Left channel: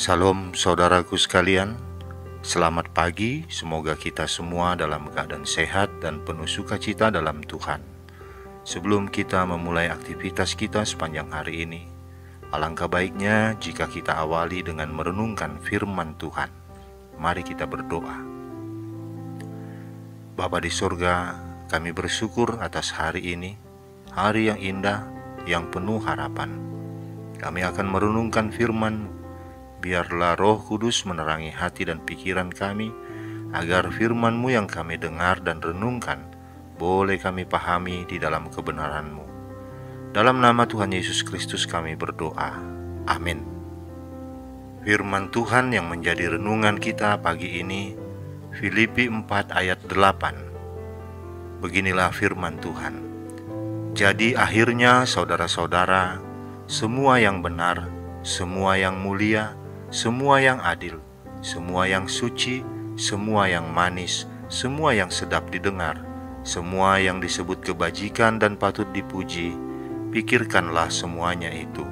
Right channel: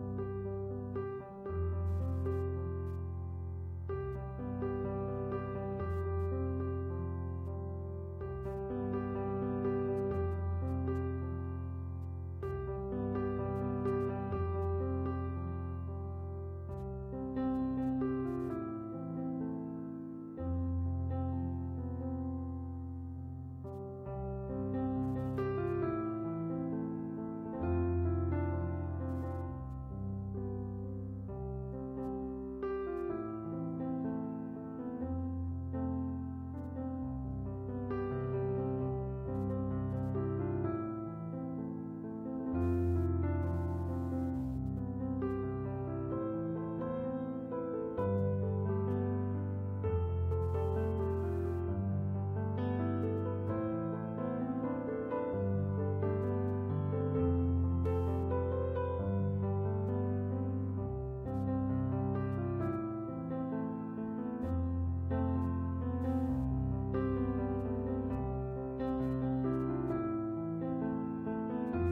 Salam saudaraku sekalian, selamat pagi. Semoga kita semua dalam keadaan sehat dan penuh sukacita dalam Tuhan. Sebelum kita memulai aktivitas kita sepanjang hari ini, alangkah baiknya jika kita awali dengan merenungkan firman Tuhan. Mari kita berdoa. Bapa di surga, kami bersyukur atas hari ini, hari yang indah, yang penuh harapan. Kami akan merenungkan firman-Mu. Biarlah Roh Kudus menerangi hati dan pikiran kami, agar firman-Mu yang kami dengar dan renungkan boleh kami pahami di dalam kebenaran-Mu. Dalam nama Tuhan Yesus Kristus kami berdoa. Amin. Firman Tuhan yang menjadi renungan kita pagi ini, Filipi 4 ayat 8. Beginilah firman Tuhan. Jadi akhirnya saudara-saudara, semua yang benar, semua yang mulia, semua yang adil, semua yang suci, semua yang manis, semua yang sedap didengar, semua yang disebut kebajikan dan patut dipuji, pikirkanlah semuanya itu.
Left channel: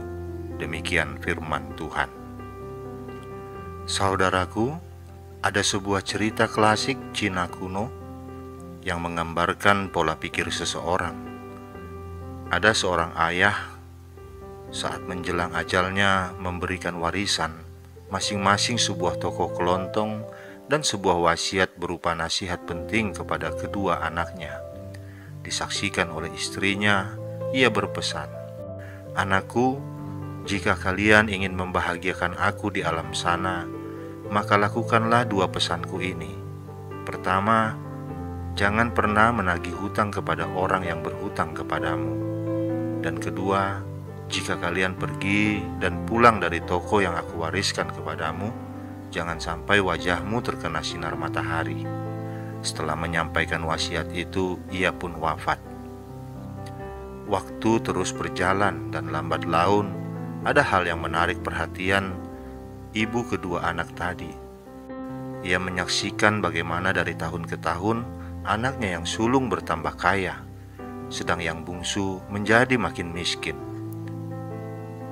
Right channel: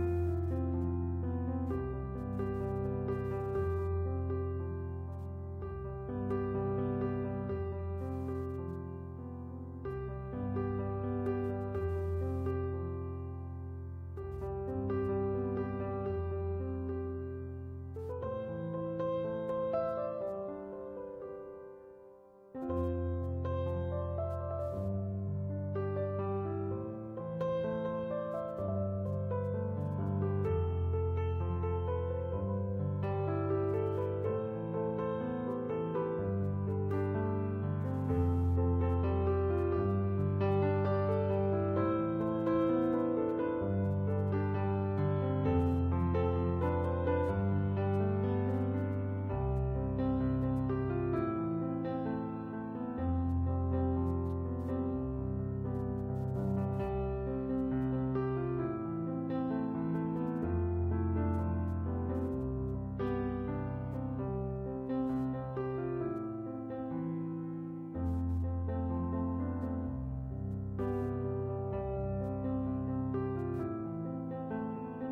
Demikian firman Tuhan. Saudaraku, ada sebuah cerita klasik Cina kuno yang menggambarkan pola pikir seseorang. Ada seorang ayah saat menjelang ajalnya memberikan warisan masing-masing sebuah toko kelontong dan sebuah wasiat berupa nasihat penting kepada kedua anaknya. Disaksikan oleh istrinya, ia berpesan, "Anakku, jika kalian ingin membahagiakan aku di alam sana, maka lakukanlah dua pesanku ini. Pertama, jangan pernah menagih hutang kepada orang yang berhutang kepadamu. Dan kedua, jika kalian pergi dan pulang dari toko yang aku wariskan kepadamu, jangan sampai wajahmu terkena sinar matahari." Setelah menyampaikan wasiat itu, ia pun wafat. Waktu terus berjalan dan lambat laun, ada hal yang menarik perhatian ibu kedua anak tadi. Ia menyaksikan bagaimana dari tahun ke tahun anaknya yang sulung bertambah kaya, sedang yang bungsu menjadi makin miskin.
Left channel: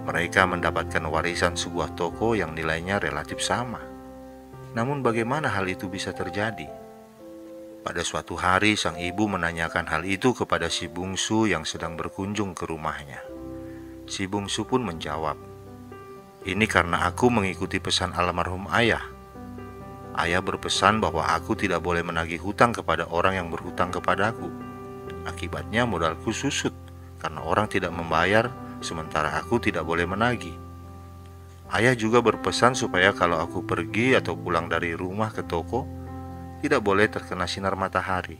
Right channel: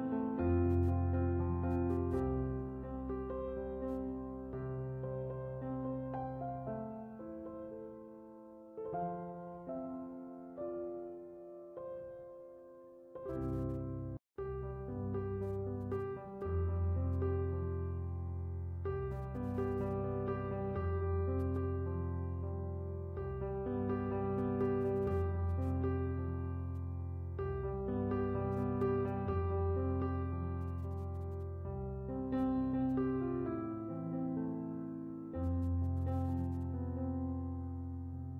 Mereka mendapatkan warisan sebuah toko yang nilainya relatif sama. Namun bagaimana hal itu bisa terjadi? Pada suatu hari sang ibu menanyakan hal itu kepada si bungsu yang sedang berkunjung ke rumahnya. Si bungsu pun menjawab, "Ini karena aku mengikuti pesan almarhum ayah. Ayah berpesan bahwa aku tidak boleh menagih hutang kepada orang yang berhutang kepadaku. Akibatnya modalku susut karena orang tidak membayar, sementara aku tidak boleh menagih. Ayah juga berpesan supaya kalau aku pergi atau pulang dari rumah ke toko, tidak boleh terkena sinar matahari.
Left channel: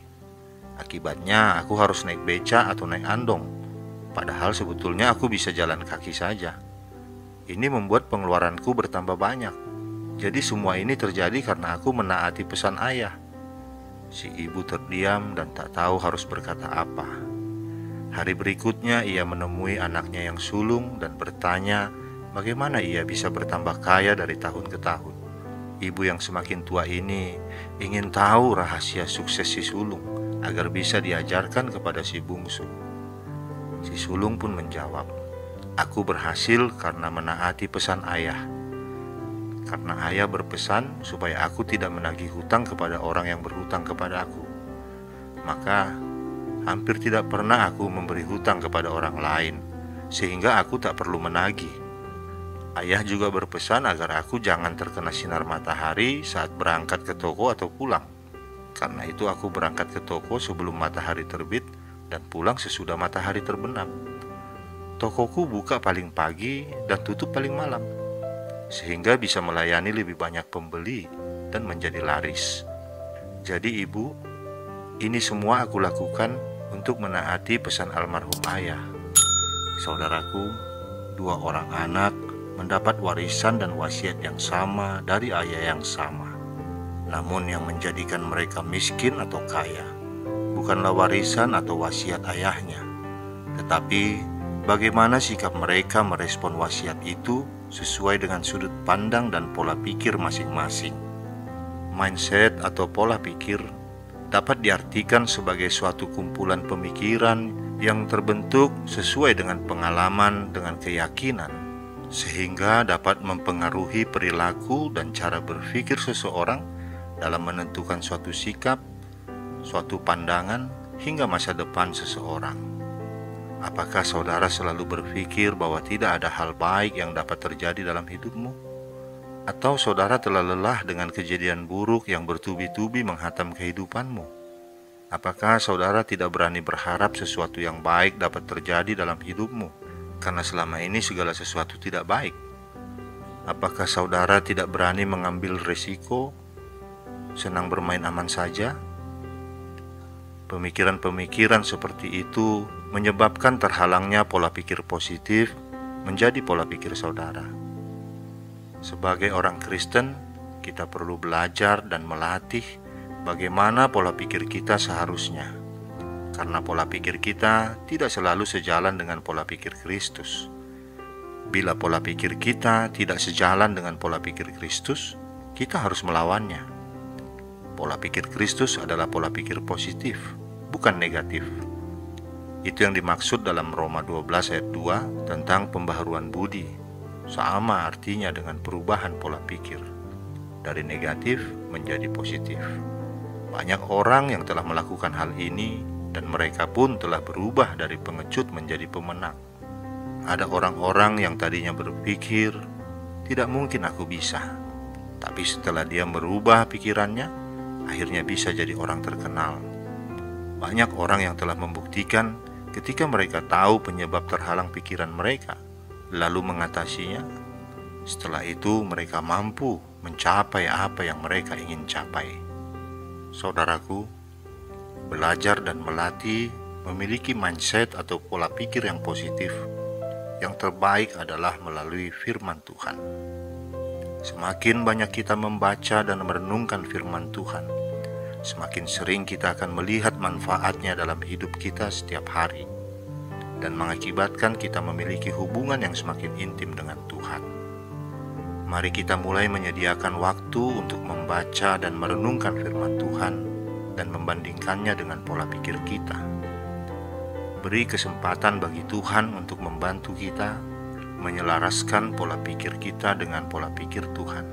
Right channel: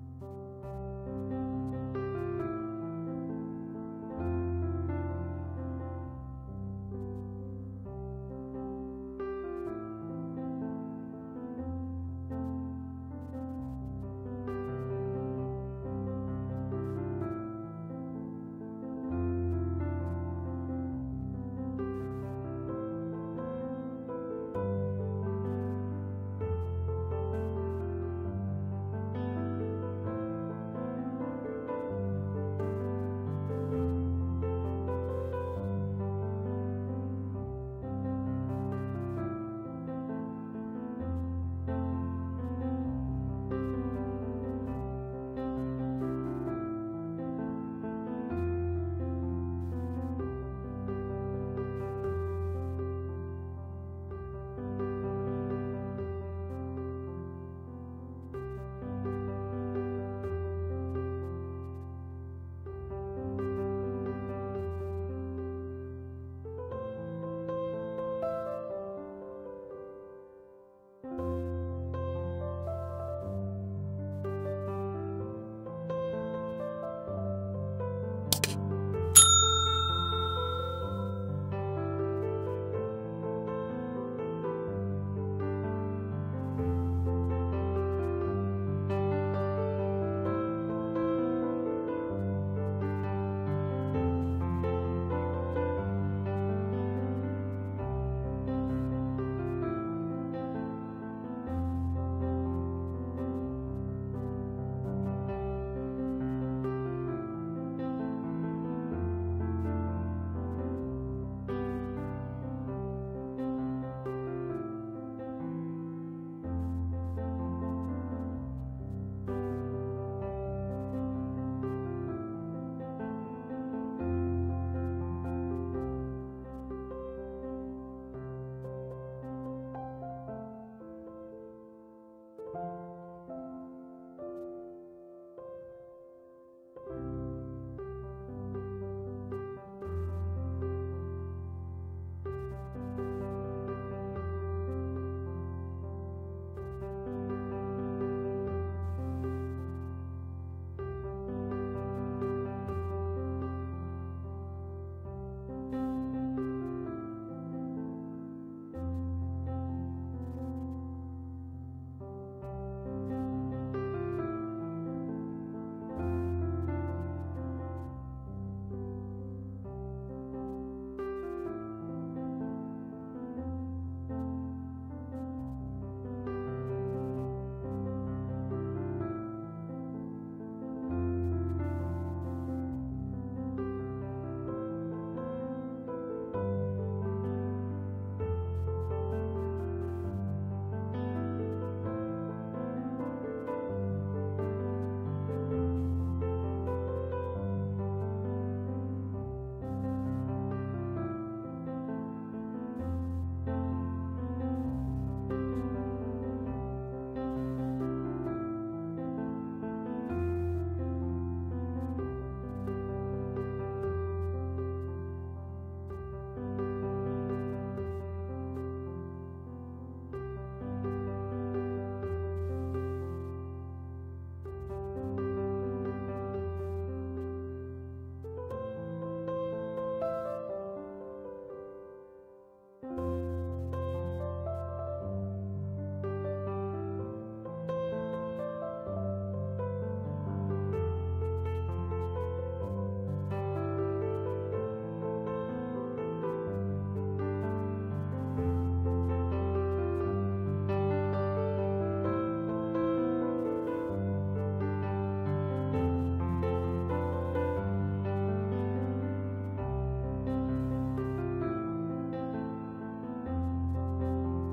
Akibatnya aku harus naik beca atau naik andong, padahal sebetulnya aku bisa jalan kaki saja. Ini membuat pengeluaranku bertambah banyak. Jadi semua ini terjadi karena aku menaati pesan ayah." Si ibu terdiam dan tak tahu harus berkata apa. Hari berikutnya ia menemui anaknya yang sulung dan bertanya bagaimana ia bisa bertambah kaya dari tahun ke tahun. Ibu yang semakin tua ini ingin tahu rahasia sukses si sulung agar bisa diajarkan kepada si bungsu. Si sulung pun menjawab, "Aku berhasil karena menaati pesan ayah. Karena ayah berpesan supaya aku tidak menagih hutang kepada orang yang berhutang kepada aku. Maka hampir tidak pernah aku memberi hutang kepada orang lain, sehingga aku tak perlu menagih. Ayah juga berpesan agar aku jangan terkena sinar matahari saat berangkat ke toko atau pulang. Karena itu aku berangkat ke toko sebelum matahari terbit dan pulang sesudah matahari terbenam. Tokoku buka paling pagi dan tutup paling malam, sehingga bisa melayani lebih banyak pembeli dan menjadi laris. Jadi ibu, ini semua aku lakukan untuk menaati pesan almarhum ayah." Saudaraku, dua orang anak mendapat warisan dan wasiat yang sama dari ayah yang sama. Namun yang menjadikan mereka miskin atau kaya bukanlah warisan atau wasiat ayahnya, tetapi bagaimana sikap mereka merespon wasiat itu sesuai dengan sudut pandang dan pola pikir masing-masing. Mindset atau pola pikir dapat diartikan sebagai suatu kumpulan pemikiran yang terbentuk sesuai dengan pengalaman, dengan keyakinan, sehingga dapat mempengaruhi perilaku dan cara berpikir seseorang dalam menentukan suatu sikap, suatu pandangan, hingga masa depan seseorang. Apakah saudara selalu berpikir bahwa tidak ada hal baik yang dapat terjadi dalam hidupmu? Atau saudara telah lelah dengan kejadian buruk yang bertubi-tubi menghantam kehidupanmu? Apakah saudara tidak berani berharap sesuatu yang baik dapat terjadi dalam hidupmu, karena selama ini segala sesuatu tidak baik? Apakah saudara tidak berani mengambil risiko, senang bermain aman saja? Pemikiran-pemikiran seperti itu menyebabkan terhalangnya pola pikir positif menjadi pola pikir saudara. Sebagai orang Kristen, kita perlu belajar dan melatih bagaimana pola pikir kita seharusnya, karena pola pikir kita tidak selalu sejalan dengan pola pikir Kristus. Bila pola pikir kita tidak sejalan dengan pola pikir Kristus, kita harus melawannya. Pola pikir Kristus adalah pola pikir positif, bukan negatif. Itu yang dimaksud dalam Roma 12 ayat 2 tentang pembaharuan budi. Sama artinya dengan perubahan pola pikir dari negatif menjadi positif. Banyak orang yang telah melakukan hal ini dan mereka pun telah berubah dari pengecut menjadi pemenang. Ada orang-orang yang tadinya berpikir, tidak mungkin aku bisa, tapi setelah dia merubah pikirannya, akhirnya bisa jadi orang terkenal. Banyak orang yang telah membuktikan ketika mereka tahu penyebab terhalang pikiran mereka, lalu mengatasinya. Setelah itu mereka mampu mencapai apa yang mereka ingin capai. Saudaraku, belajar dan melatih memiliki mindset atau pola pikir yang positif. Yang terbaik adalah melalui firman Tuhan. Semakin banyak kita membaca dan merenungkan firman Tuhan, semakin sering kita akan melihat manfaatnya dalam hidup kita setiap hari, dan mengakibatkan kita memiliki hubungan yang semakin intim dengan Tuhan. Mari kita mulai menyediakan waktu untuk membaca dan merenungkan firman Tuhan dan membandingkannya dengan pola pikir kita. Beri kesempatan bagi Tuhan untuk membantu kita menyelaraskan pola pikir kita dengan pola pikir Tuhan.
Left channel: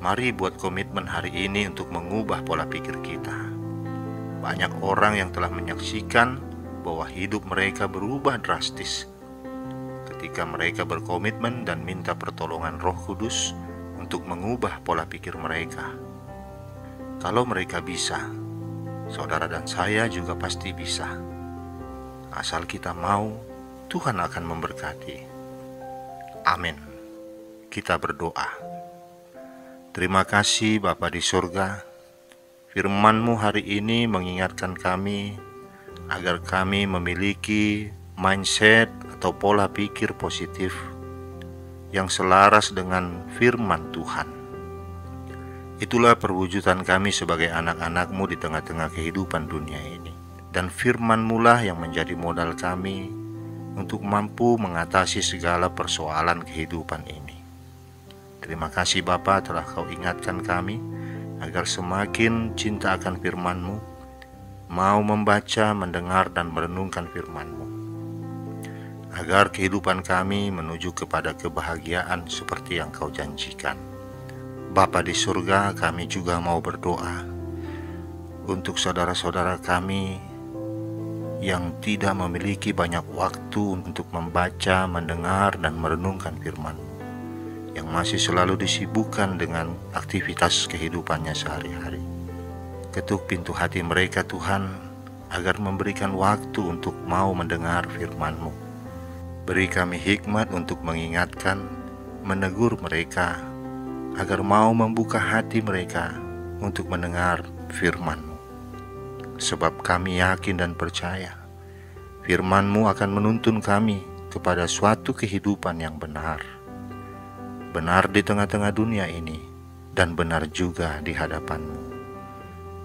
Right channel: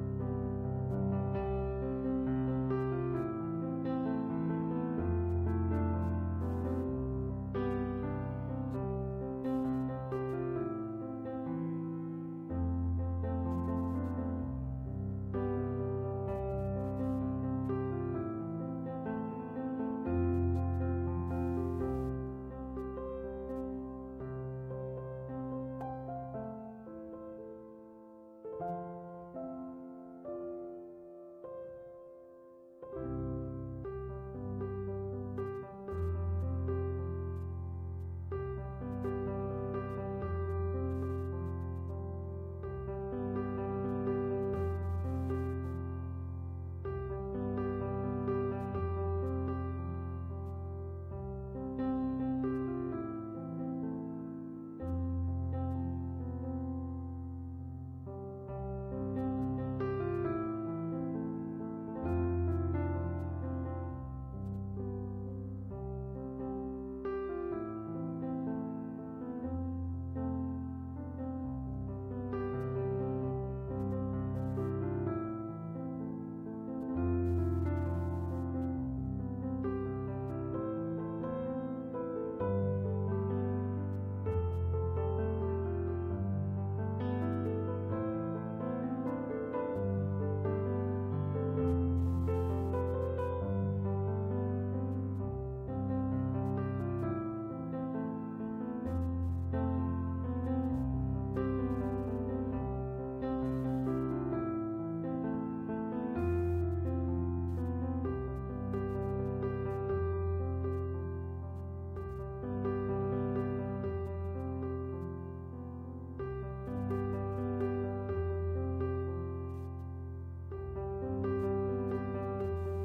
Mari buat komitmen hari ini untuk mengubah pola pikir kita. Banyak orang yang telah menyaksikan bahwa hidup mereka berubah drastis ketika mereka berkomitmen dan minta pertolongan Roh Kudus untuk mengubah pola pikir mereka. Kalau mereka bisa, saudara dan saya juga pasti bisa. Asal kita mau, Tuhan akan memberkati. Amin. Kita berdoa. Terima kasih Bapa di surga, firman-Mu hari ini mengingatkan kami agar kami memiliki mindset atau pola pikir positif yang selaras dengan firman Tuhan. Itulah perwujudan kami sebagai anak-anak-Mu di tengah-tengah kehidupan dunia ini. Dan firman-Mu lah yang menjadi modal kami untuk mampu mengatasi segala persoalan kehidupan ini. Terima kasih Bapa telah Kau ingatkan kami agar semakin cinta akan firman-Mu, mau membaca, mendengar, dan merenungkan firman-Mu, agar kehidupan kami menuju kepada kebahagiaan seperti yang Kau janjikan. Bapa di surga, kami juga mau berdoa untuk saudara-saudara kami yang tidak memiliki banyak waktu untuk membaca, mendengar, dan merenungkan firman-Mu, yang masih selalu disibukkan dengan aktivitas kehidupannya sehari-hari. Ketuk pintu hati mereka Tuhan, agar memberikan waktu untuk mau mendengar firman-Mu. Beri kami hikmat untuk mengingatkan, menegur mereka, agar mau membuka hati mereka untuk mendengar firman-Mu. Sebab kami yakin dan percaya, firman-Mu akan menuntun kami kepada suatu kehidupan yang benar. Benar di tengah-tengah dunia ini, dan benar juga di hadapan-Mu.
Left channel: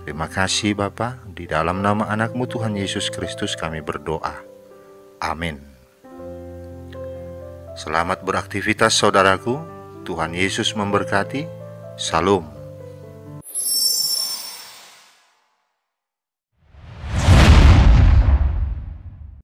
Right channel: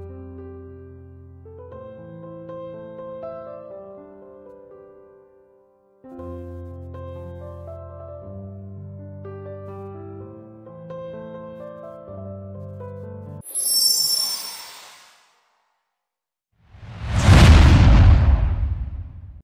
Terima kasih Bapa, di dalam nama anak-Mu Tuhan Yesus Kristus kami berdoa. Amin. Selamat beraktivitas saudaraku, Tuhan Yesus memberkati. Salam.